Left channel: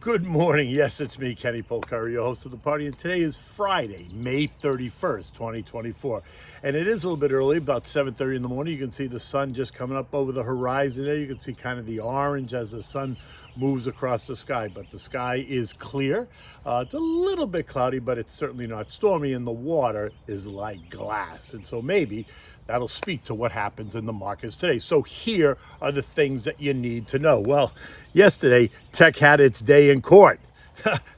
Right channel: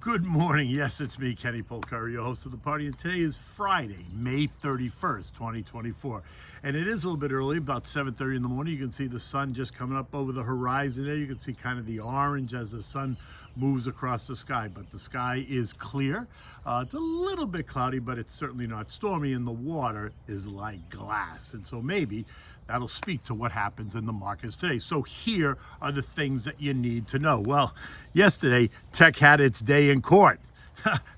Good morning. Yes, it's me, Kenny Polcari, your host of the party, and today is Friday, May 31st, 2024. And it is a little bit early, about 7:30 in the morning. You can see the sun just coming up over the horizon there. You can see kind of the orange as the sun moves across the sky, but the sky is clear. It's a little bit cloudy, but it's certainly not stormy, and the water is like glass. And so maybe that'll speak to what happens in the markets today. So here are the things that you need to know. Well, yesterday, tech had its day in court.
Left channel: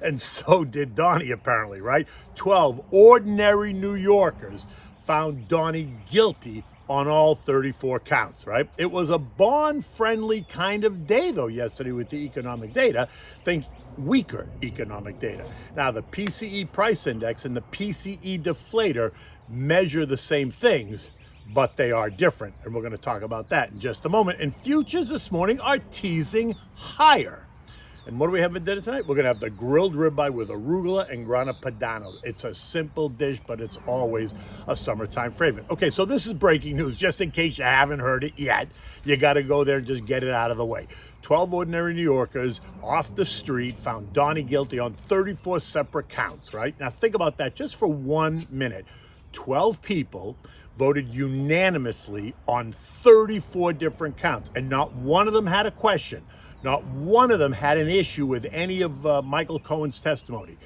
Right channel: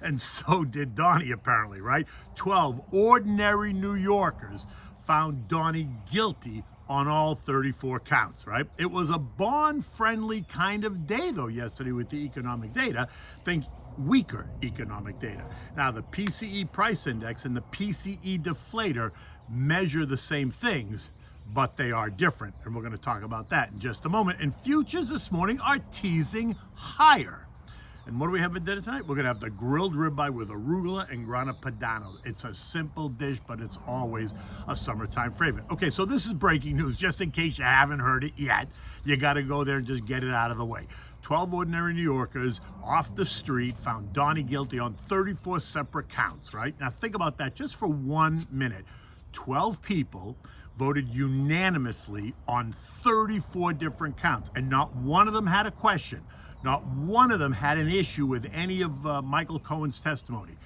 And so did Donnie, apparently, right? 12 ordinary New Yorkers found Donnie guilty on all 34 counts, right? It was a bond-friendly kind of day, though, yesterday with the economic data. Think weaker economic data. Now, the PCE Price Index and the PCE deflator measure the same things, but they are different. And we're going to talk about that in just a moment. And futures this morning are teasing higher. And what do we have for dinner tonight? We're going to have the grilled ribeye with arugula and grana padano. It's a simple dish, but it's always a summertime favorite. Okay, so this is breaking news, just in case you haven't heard it yet. You got to go there and just get it out of the way. 12 ordinary New Yorkers off the street found Donnie guilty on 34 separate counts, right? Now think about that just for 1 minute. 12 people voted unanimously on 34 different counts, and not one of them had a question. Not one of them had an issue with any of Michael Cohen's testimony.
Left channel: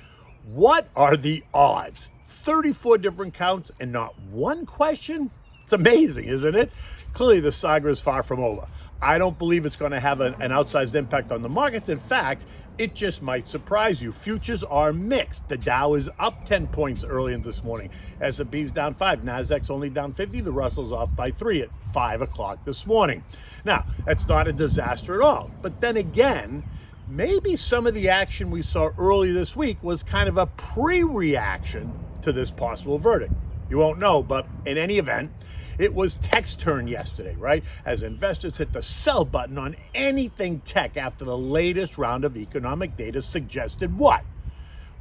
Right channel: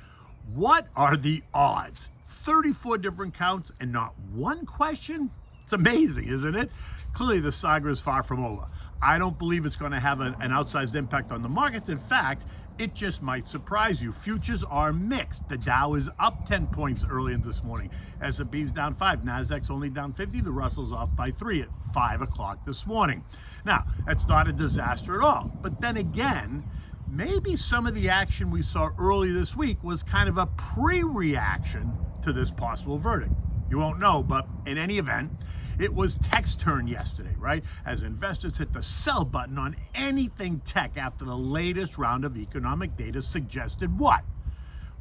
What are the odds? 34 different counts and not one question? It's amazing, isn't it? Clearly, the saga is far from over. I don't believe it's going to have an outsized impact on the markets. In fact, it just might surprise you. Futures are mixed. The Dow is up 10 points early in this morning. S&P's down 5. Nasdaq's only down 50. The Russell's off by 3 at 5 o'clock this morning. Now, that's not a disaster at all. But then again, maybe some of the action we saw early this week was kind of a pre-reaction to this possible verdict. You won't know, but in any event, it was tech's turn yesterday, right? As investors hit the sell button on anything tech after the latest round of economic data suggested what?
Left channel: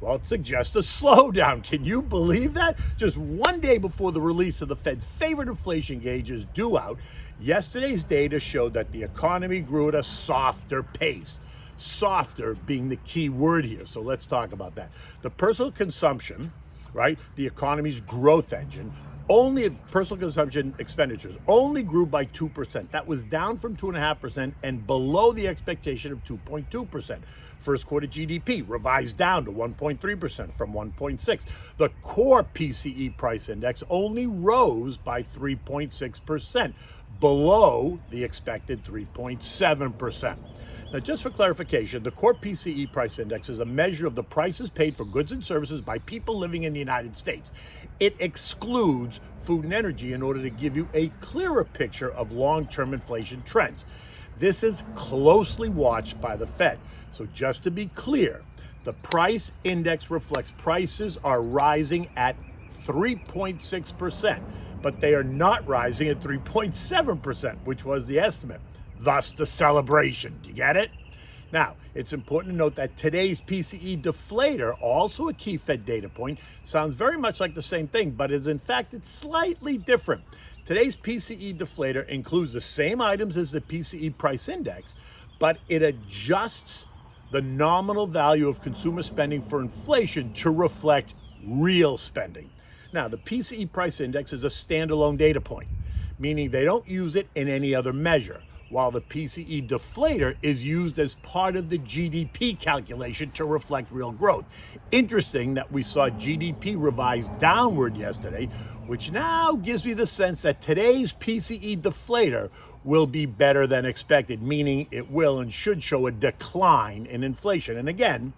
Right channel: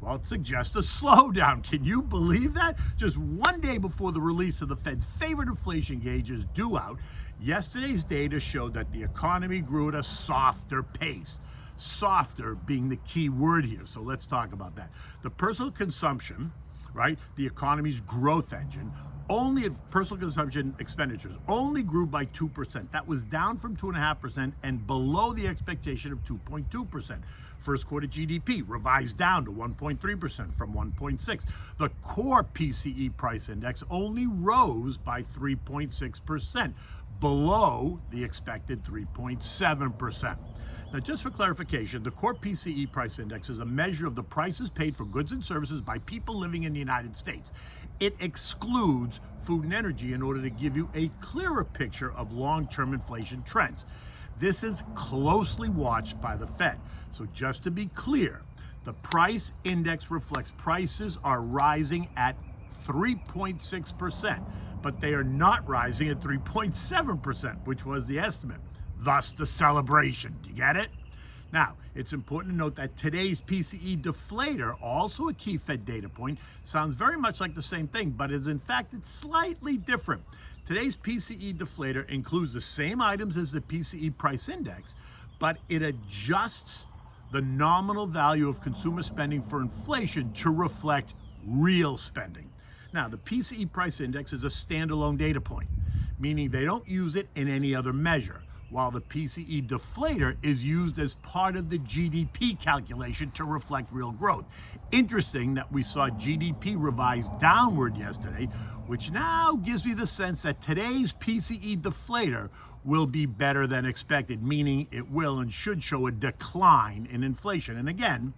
Well, it suggests a slowdown. Can you believe that? Just one day before the release of the Fed's favorite inflation gauge is due out, yesterday's data showed that the economy grew at a softer pace. Softer being the key word here. So let's talk about that. The personal consumption, right? The economy's growth engine, only personal consumption expenditures only grew by 2%. That was down from 2.5% and below the expectation of 2.2%. First quarter GDP revised down to 1.3% from 1.6%. The core PCE price index only rose by 3.6%, below the expected 3.7%. Now, just for clarification, the core PCE price index is a measure of the prices paid for goods and services by people living in the United States. It excludes food and energy in order to give you a clearer picture of long-term inflation trends. This is closely watched by the Fed. So just to be clear, the price index reflects prices are rising at 3.6%, but they are not rising at 3.7%, which was the estimate. Thus the celebration. Do you get it? Now, it's important to note that today's PCE deflator, also a key Fed data point, sounds very much like the same thing, but is in fact it's slightly different. Today's PCE deflator includes the same items as the PCE price index, but it adjusts the nominal value of consumer spending for inflation to reflect real spending. Now, the PCE price index is a standalone data point, meaning they don't use it in any other measure, while the PCE deflator is used as part of the GDP calculation to reflect real growth. Interesting that we saw GDP revised downward yesterday, which now gives me the sense that today's PCE deflator will be better than expected, meaning it will and should show a decline in inflation. And again,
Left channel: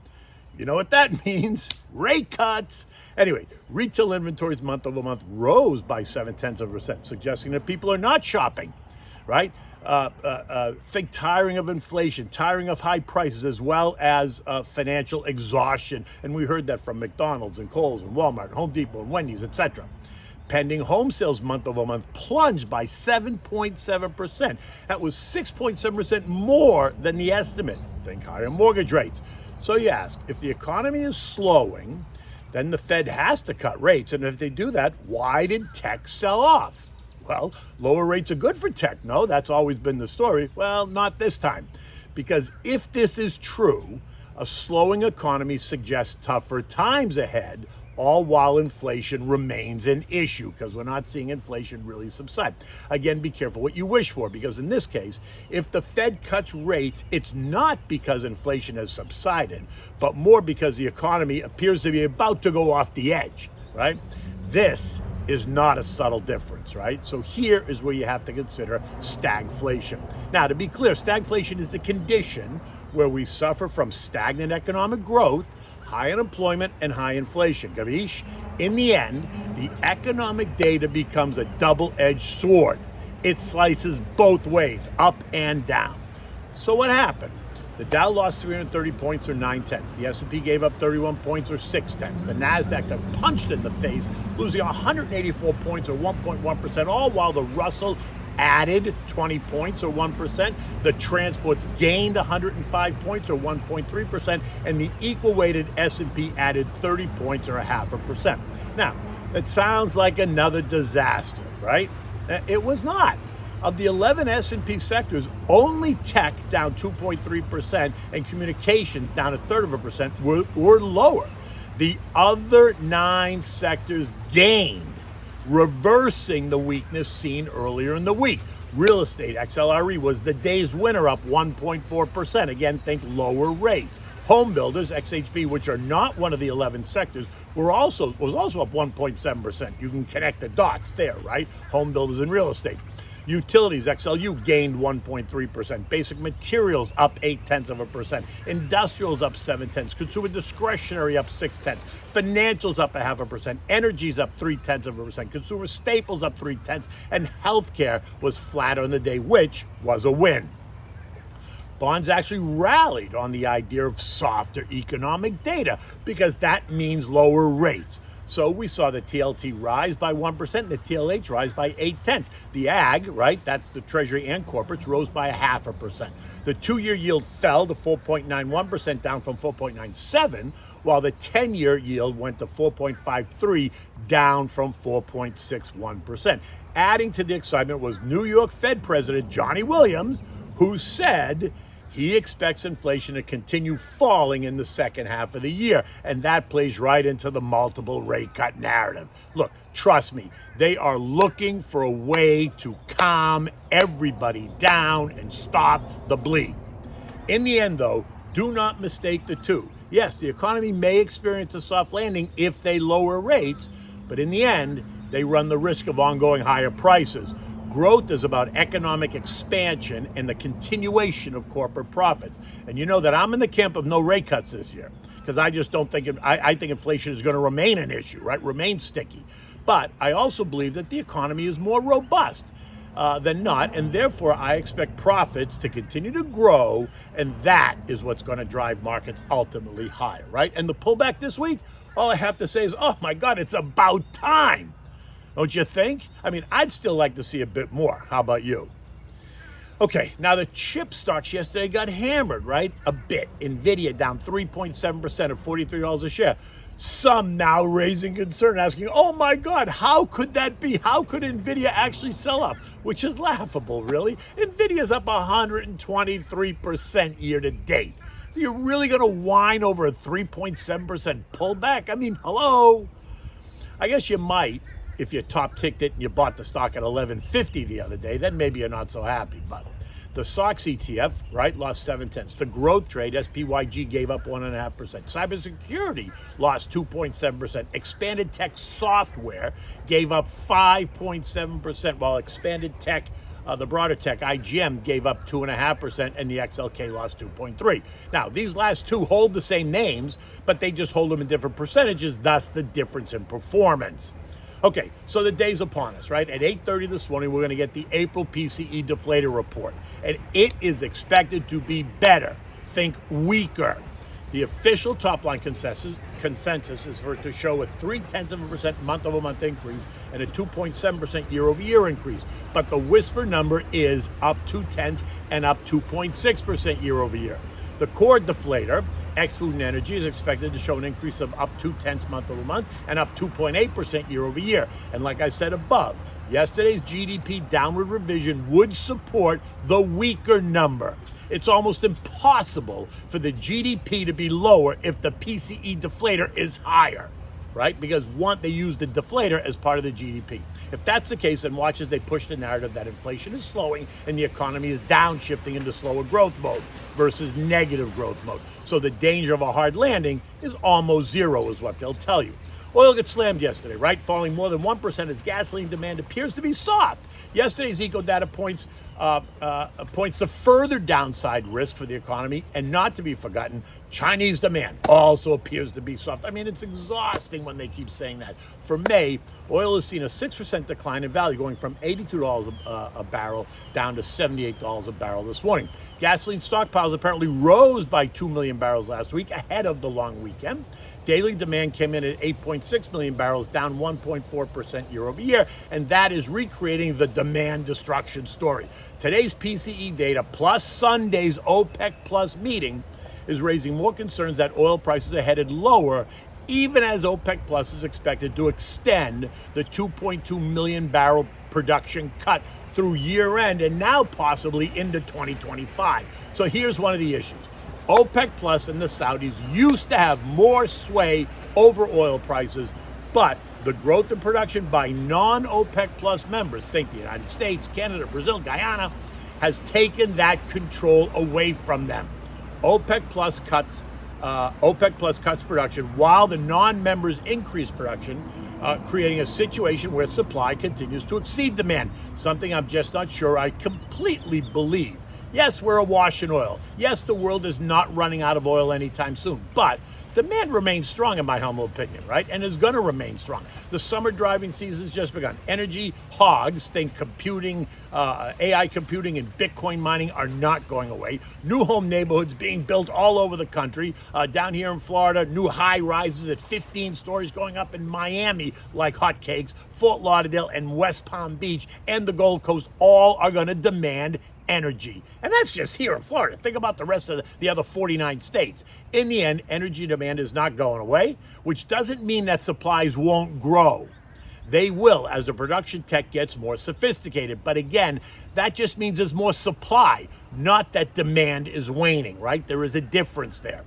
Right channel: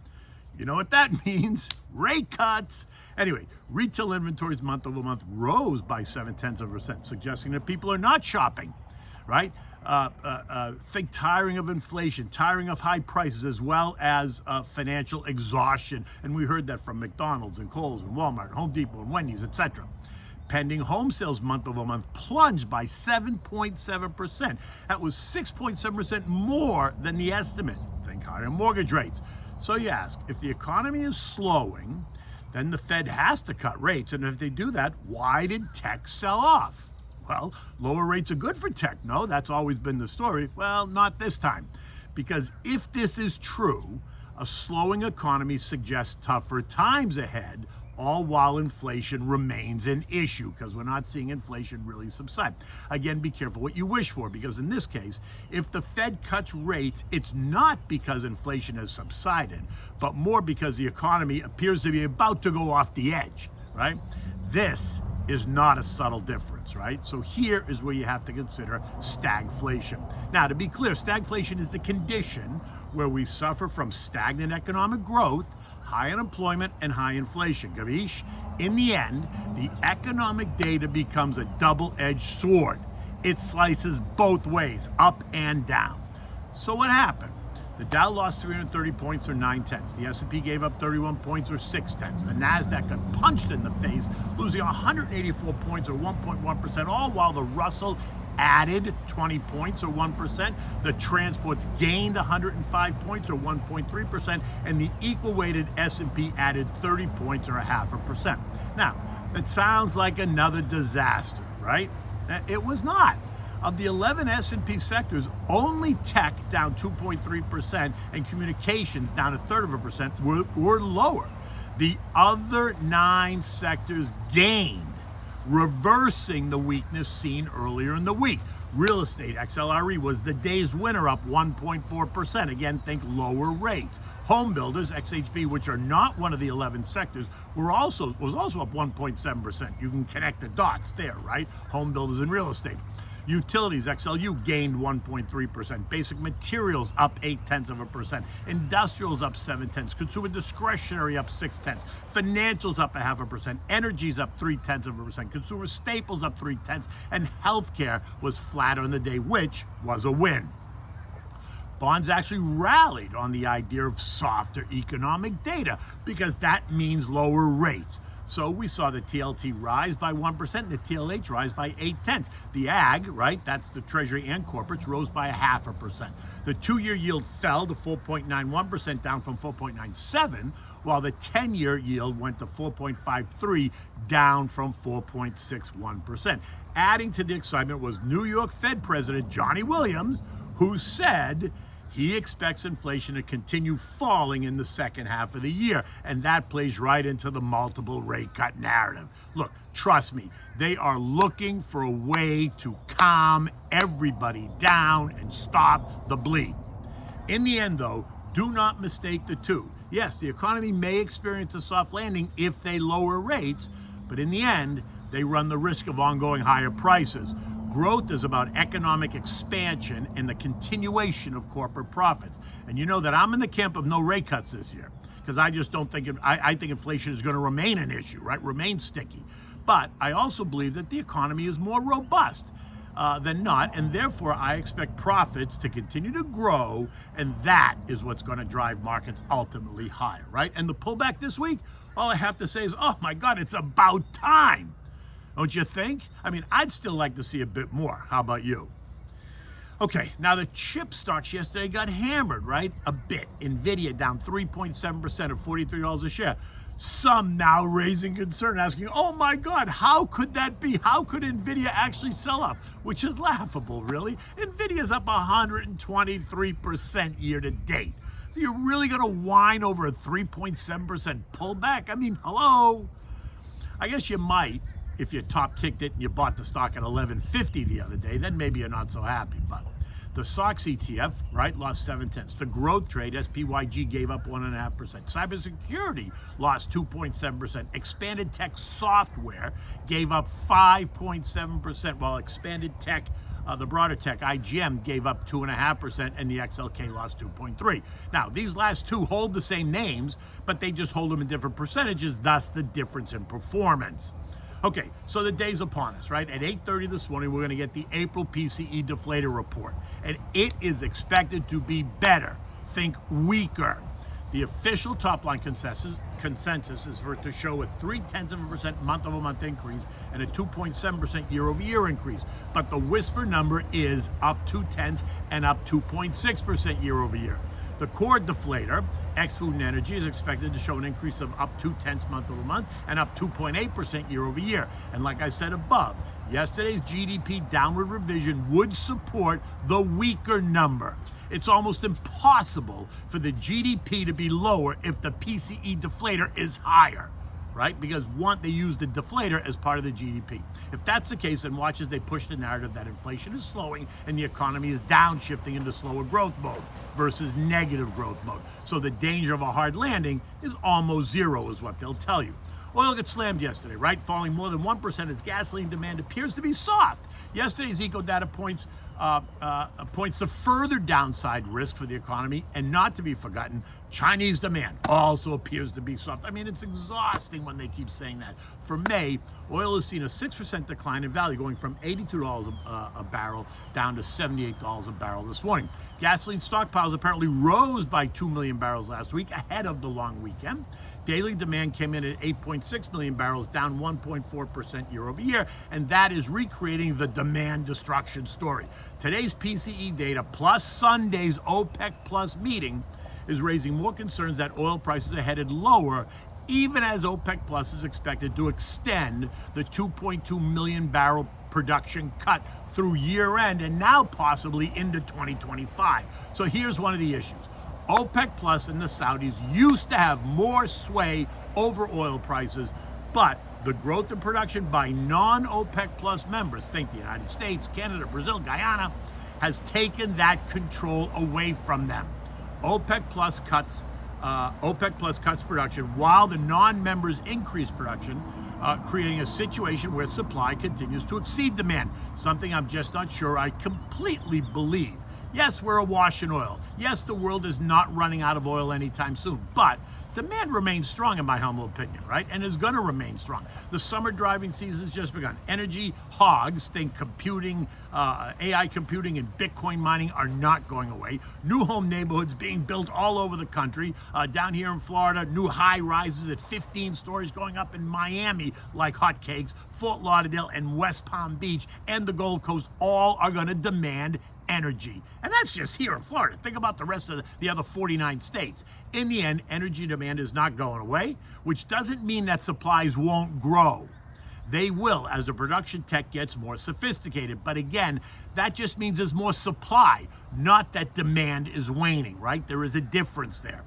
you know what that means? Rate cuts. Anyway, retail inventories month over month rose by 0.7%, suggesting that people are not shopping, right? Think tiring of inflation, tiring of high prices, as well as financial exhaustion. And we heard that from McDonald's and Kohl's and Walmart, and Home Depot and Wendy's, etc. Pending home sales month over month plunged by 7.7%. That was 6.7% more than the estimate. Think higher mortgage rates. So you ask, if the economy is slowing, then the Fed has to cut rates. And if they do that, why did tech sell off? Well, lower rates are good for tech. No, that's always been the story. Well, not this time. Because if this is true, A slowing economy suggests tougher times ahead, all while inflation remains an issue, because we're not seeing inflation really subside. Again, be careful what you wish for, because in this case, if the Fed cuts rates, it's not because inflation has subsided, but more because the economy appears to be about to go off the edge, right? This is not a subtle difference, right? So here is where you have to consider stagflation. Now, to be clear, stagflation is the condition where we suffer from stagnant economic growth, high unemployment, and high inflation. Gavish? In the end, the economic data becomes a double-edged sword. It slices both ways, up and down. So what happened? The Dow lost 330 points or 9/10. The S&P gave up 31 points or 6/10. The NASDAQ got punched in the face, losing 184 points or 1.1%, all while the Russell added 20 points or 1%. The transports gained 105 points or 1.3%, and the equal-weighted S&P added 30 points or 0.5%. Now, that sounds like another disaster, right? It was not. Of the 11 S&P sectors, only tech down 2.3% and communications down 1/3% were lower. The other 9 sectors gained, reversing the weakness seen earlier in the week. Real estate, XLRE, was the day's winner, up 1.4%. Again, think lower rates. Home builders, XHB, which are not one of the 11 sectors, was also up 1.7%. You can connect the dots there, right? Home builders and real estate. Utilities, XLU, gained 1.3%. Basic materials up 0.8%. Industrials up 0.7%. Consumer discretionary up 0.6%. Financials up 0.5%. Energy's up 0.3%. Consumer staples up 0.3%. And healthcare was flat on the day, which was a win. Bonds actually rallied on the idea of softer economic data because that means lower rates. So we saw the TLT rise by 1% and the TLH rise by 0.8. The AG, right, that's the Treasury and corporates, rose by 0.5%. The 2-year yield fell to 4.91%, down from 4.97, while the 10-year yield went to 4.53, down from 4.61%. Adding to the excitement was New York Fed President Johnny Williams, who said he expects inflation to continue falling in the second half of the year, and that plays right into the multiple rate cut narrative. Look, trust me, they are looking for a way to calm everybody down and stop the bleed. In the end, though, do not mistake the two. Yes, the economy may experience a soft landing if they lower rates, but in the end, they run the risk of ongoing higher prices. Growth is about economic expansion and the continuation of corporate profits. And you know that I'm in the camp of no rate cuts this year, because I just don't think, I think inflation is going to remain an issue, right? Remain sticky. But I also believe that the economy is more robust than not, and therefore I expect profits to continue to grow, and that is what's going to drive markets ultimately higher, right? And the pullback this week, all I have to say is, oh my God, it's about time. Don't you think? I mean, I'd still like to see a bit more. How about you? Okay, now the chip stocks yesterday got hammered, right? A bit. Nvidia down 3.7% at $43 a share. Some now raising concern, asking, oh my God, how could that be? How could Nvidia actually sell off? Which is laughable, really. Nvidia's up 123% year to date. So you're really going to whine over a 3.7% pullback? I mean, hello? I guess you might. If you top ticked it and you bought the stock at $11.50 the other day, then maybe you're not so happy. But the SOX ETF, right, lost 0.7. The growth trade, SPYG, gave up 1.5%. Cybersecurity lost 2.7%. Expanded tech software gave up 5.7%, while expanded tech, the broader tech, IGM, gave up 2.5%, and the XLK lost 2.3%. Now, these last two hold the same names, but they just hold them in different percentages, thus the difference in performance. Okay, so the day's upon us, right? At 8:30 this morning, we're going to get the April PCE deflator report, and it is expected to be better. Think weaker. The official top-line consensus is for it to show a 0.3% month-over-month increase and a 2.7% year-over-year increase. But the whisper number is up 0.2 and up 2.6% year-over-year. The core deflator, ex-food and energy, is expected to show an increase of up 0.2 month-over-month and up 2.8% year-over-year. And like I said above, yesterday's GDP downward revision would support the weaker number. It's almost impossible for the GDP to be lower if the PCE deflator is higher, right? Because one, they use the deflator as part of the GDP. If that's the case, then watch as they push the narrative that inflation is slowing and the economy is downshifting into slower growth mode versus negative growth mode. So the danger of a hard landing is almost zero, is what they'll tell you. Oil gets slammed yesterday, right? Falling more than 1% as gasoline demand appears to be soft. Yesterday's eco data points to further downside risk for the economy, and not to be forgotten, Chinese demand also appears to be soft. I mean, it's exhausting when they keep saying that. For May, oil has seen a 6% decline in value, going from $82 a barrel down to $78 a barrel this morning. Gasoline stockpiles apparently rose by 2 million barrels last week ahead of the long weekend. Daily demand came in at 8.6 million barrels, down 1.4% year over year, and that is recreating the demand destruction story. Today's PCE data plus Sunday's OPEC Plus meeting is raising more concerns that oil prices are headed lower, even as OPEC Plus is expected to extend the 2.2 million barrel production cut through year end and now possibly into 2025. So here's one of the issues. OPEC Plus and the Saudis used to have more sway over oil prices, but the growth in production by non-OPEC Plus members, think the United States, Canada, Brazil, Guyana, has taken that control away from them. OPEC Plus cuts production while the non-members increase production, creating a situation where supply continues to exceed demand, something I'm just not sure I completely believe. Yes, we're awash in oil. Yes, the world is not running out of oil anytime soon, but demand remains strong in my humble opinion, right? And is going to remain strong. The summer driving season has just begun. Energy hogs, think computing, AI computing and Bitcoin mining are not going away. New home neighborhoods being built all over the country. Down here in Florida, new high rises at 15 stories going up in Miami like hotcakes. Fort Lauderdale and West Palm Beach and the Gold Coast all are going to demand energy. And that's just here in Florida. Think about the rest of the other 49 states. In the end, energy demand is not going away, which doesn't mean that supplies won't grow. They will as the production tech gets more sophisticated. But again, that just means there's more supply, not that demand is waning, right? There is a difference there.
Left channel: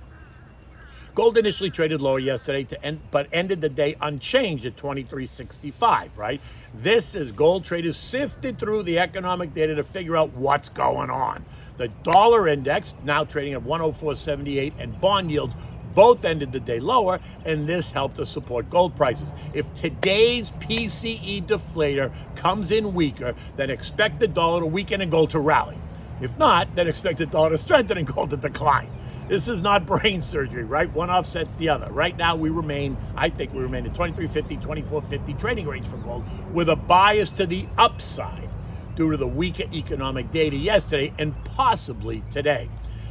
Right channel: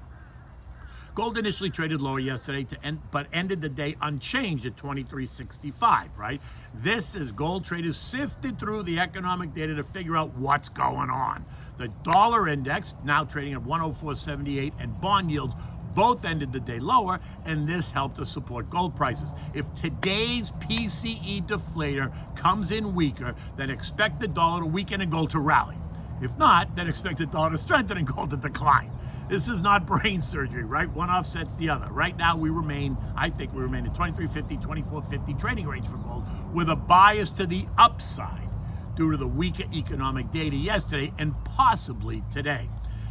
Gold initially traded lower yesterday but ended the day unchanged at $23.65, right? This is gold traders sifted through the economic data to figure out what's going on. The dollar index now trading at 104.78 and bond yields both ended the day lower, and this helped to support gold prices. If today's PCE deflator comes in weaker, then expect the dollar to weaken and gold to rally. If not, then expect the dollar to strengthen and gold to decline. This is not brain surgery, right? One offsets the other. Right now, I think we remain in 23.50, 24.50 trading range for gold with a bias to the upside due to the weaker economic data yesterday and possibly today.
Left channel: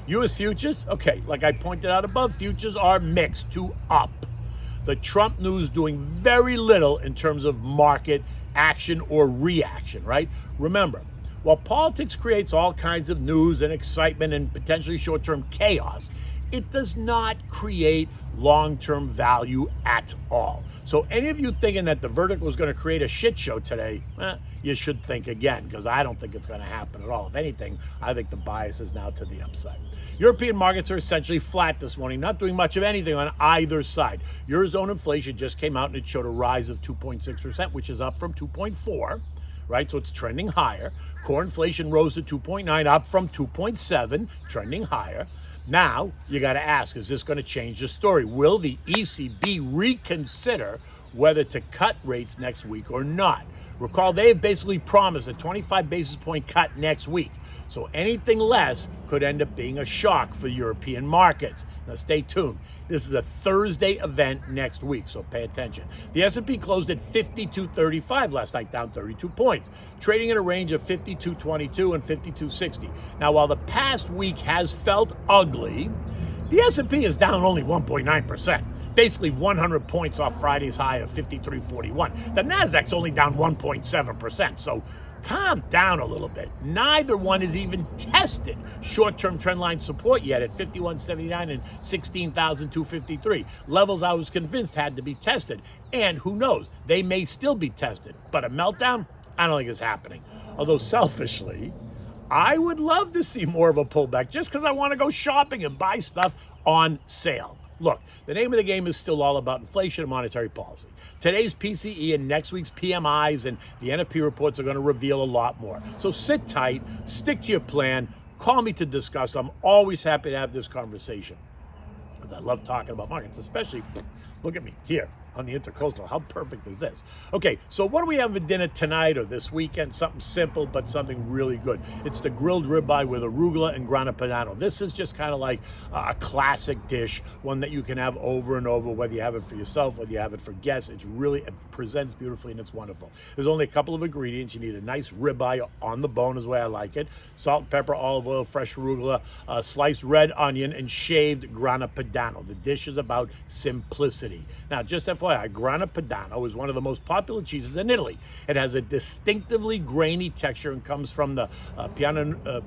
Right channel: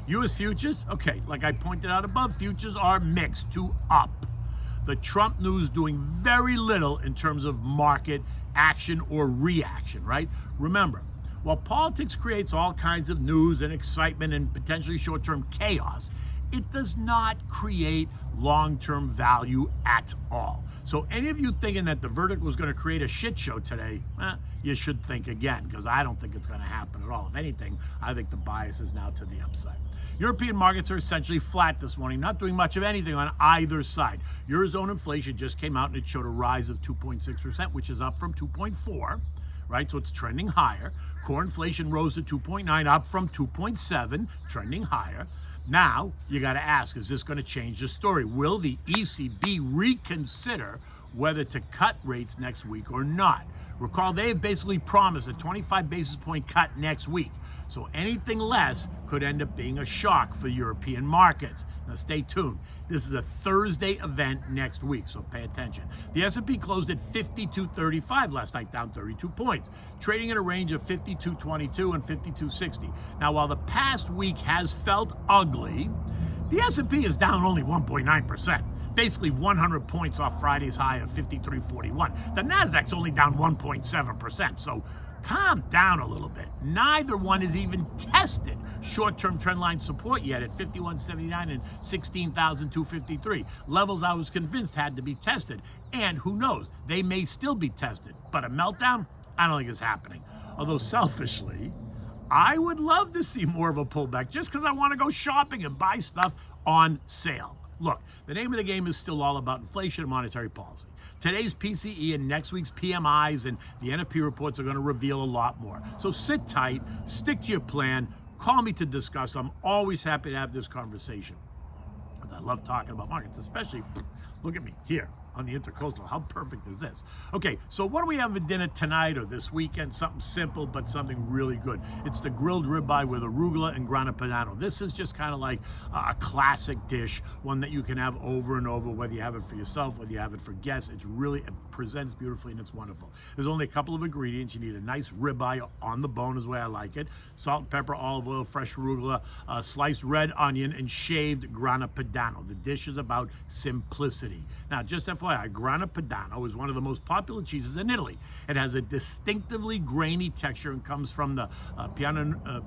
U.S. futures, okay, like I pointed out above, futures are mixed to up. The Trump news doing very little in terms of market action or reaction, right? Remember, while politics creates all kinds of news and excitement and potentially short-term chaos, it does not create long-term value at all. So any of you thinking that the verdict was going to create a shit show today, you should think again, because I don't think it's going to happen at all. If anything, I think the bias is now to the upside. European markets are essentially flat this morning, not doing much of anything on either side. Eurozone inflation just came out and it showed a rise of 2.6%, which is up from 2.4%. Right, so it's trending higher. Core inflation rose to 2.9, up from 2.7, trending higher. Now, you got to ask, is this going to change the story? Will the ECB reconsider whether to cut rates next week or not? Recall, they have basically promised a 25 basis point cut next week. So anything less could end up being a shock for European markets. Now stay tuned. This is a Thursday event next week, so pay attention. The S&P closed at 52.35 last night, down 32 points, trading in a range of 52.22 and 52.60. Now, while the past week has felt ugly, the S&P is down only 1.9%. Basically 100 points off Friday's high of 53.41. The Nasdaq's only down 1.7%, so calm down a little bit. Neither one has even tested short-term trendline support yet at 51.79 and 16,253. Levels I was convinced had to be tested. And who knows, they may still be tested. But a meltdown, I don't think is happening. Although selfishly, I would love to see more of a pullback just because I want to go shopping and buy stuff on sale. Look, the name of the game is still all about inflation and monetary policy. Today's PCE and next week's PMIs and the NFP reports are going to reveal a lot more. So sit tight, stick to your plan, call me to discuss. I'm always happy to have this conversation because I love talking about markets, especially, look at me here on the Intercoastal. How perfect is this? Okay, so what do we have for dinner tonight or this weekend? Something simple, but something really good. It's the grilled ribeye with arugula and grana padano. This is just kind of like a classic dish, one that you can have over and over, whether you have it for yourself, whether you have it for guests. It presents beautifully and it's wonderful. There's only a couple of ingredients. You need a nice ribeye on the bone is the way I like it. Salt, pepper, olive oil, fresh arugula, sliced red onion, and shaved grana padano. The dish is about simplicity. Now, just FYI, Grana Padano is one of the most popular cheeses in Italy. It has a distinctively grainy texture and comes from the Pianura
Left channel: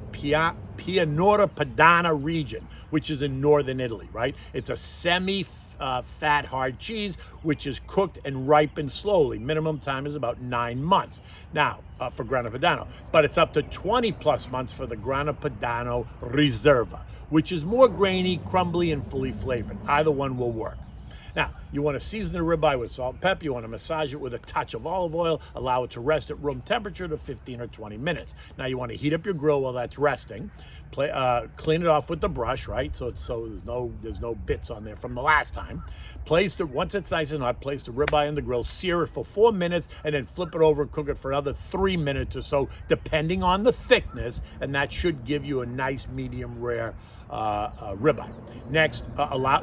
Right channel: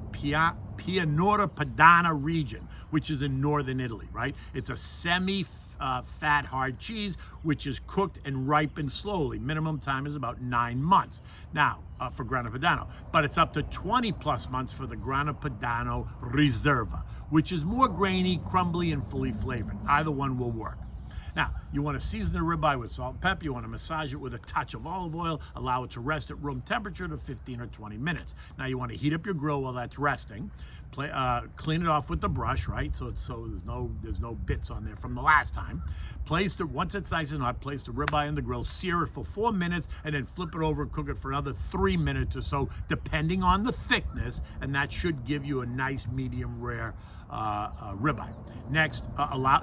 Padana region, which is in northern Italy, right? It's a semi-fat hard cheese, which is cooked and ripened slowly. Minimum time is about 9 months. Now, for Grana Padano, but it's up to 20 plus months for the Grana Padano Riserva, which is more grainy, crumbly, and fully flavored. Either one will work. Now, you want to season the ribeye with salt and pepper. You want to massage it with a touch of olive oil. Allow it to rest at room temperature to 15 or 20 minutes. Now, you want to heat up your grill while that's resting. Clean it off with the brush, right? So there's no bits on there from the last time. Once it's nice and hot, place the ribeye in the grill, sear it for 4 minutes, and then flip it over and cook it for another 3 minutes or so, depending on the thickness, and that should give you a nice medium rare ribeye. Next,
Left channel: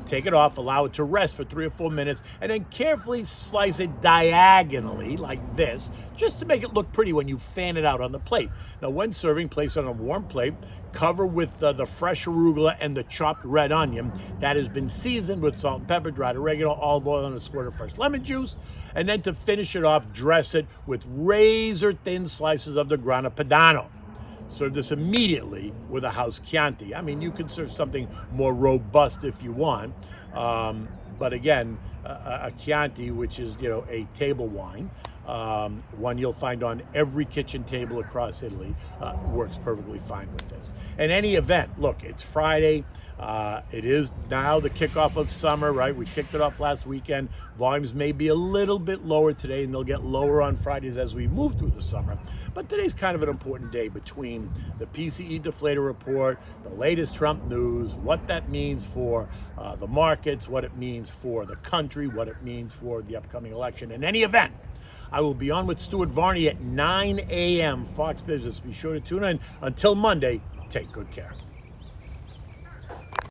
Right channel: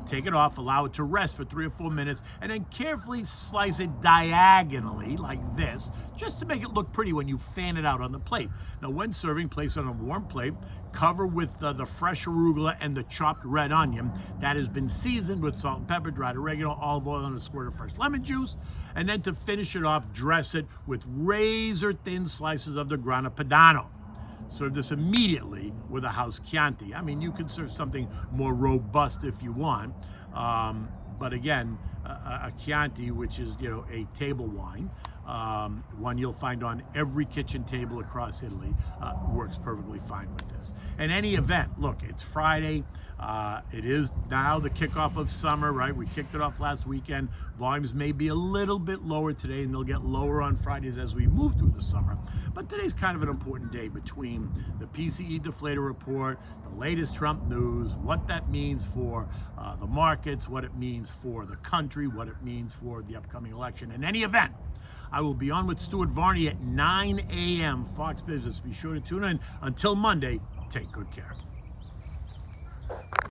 take it off, allow it to rest for 3 or 4 minutes, and then carefully slice it diagonally like this, just to make it look pretty when you fan it out on the plate. Now, when serving, place it on a warm plate, cover with the fresh arugula and the chopped red onion that has been seasoned with salt and pepper, dried oregano, olive oil, and a squirt of fresh lemon juice. And then to finish it off, dress it with razor-thin slices of the Grana Padano. Serve this immediately with a house Chianti. I mean, you can serve something more robust if you want, but again, a Chianti, which is a table wine, one you'll find on every kitchen table across Italy, works perfectly fine with this. In any event, look, it's Friday. It is now the kickoff of summer, right? We kicked it off last weekend. Volumes may be a little bit lower today, and they'll get lower on Fridays as we move through the summer. But today's kind of an important day between the PCE deflator report, the latest Trump news, what that means for the markets, what it means for the country, what it means for the upcoming election. In any event, I will be on with Stuart Varney at 9 a.m. Fox Business. Be sure to tune in. Until Monday, take good care.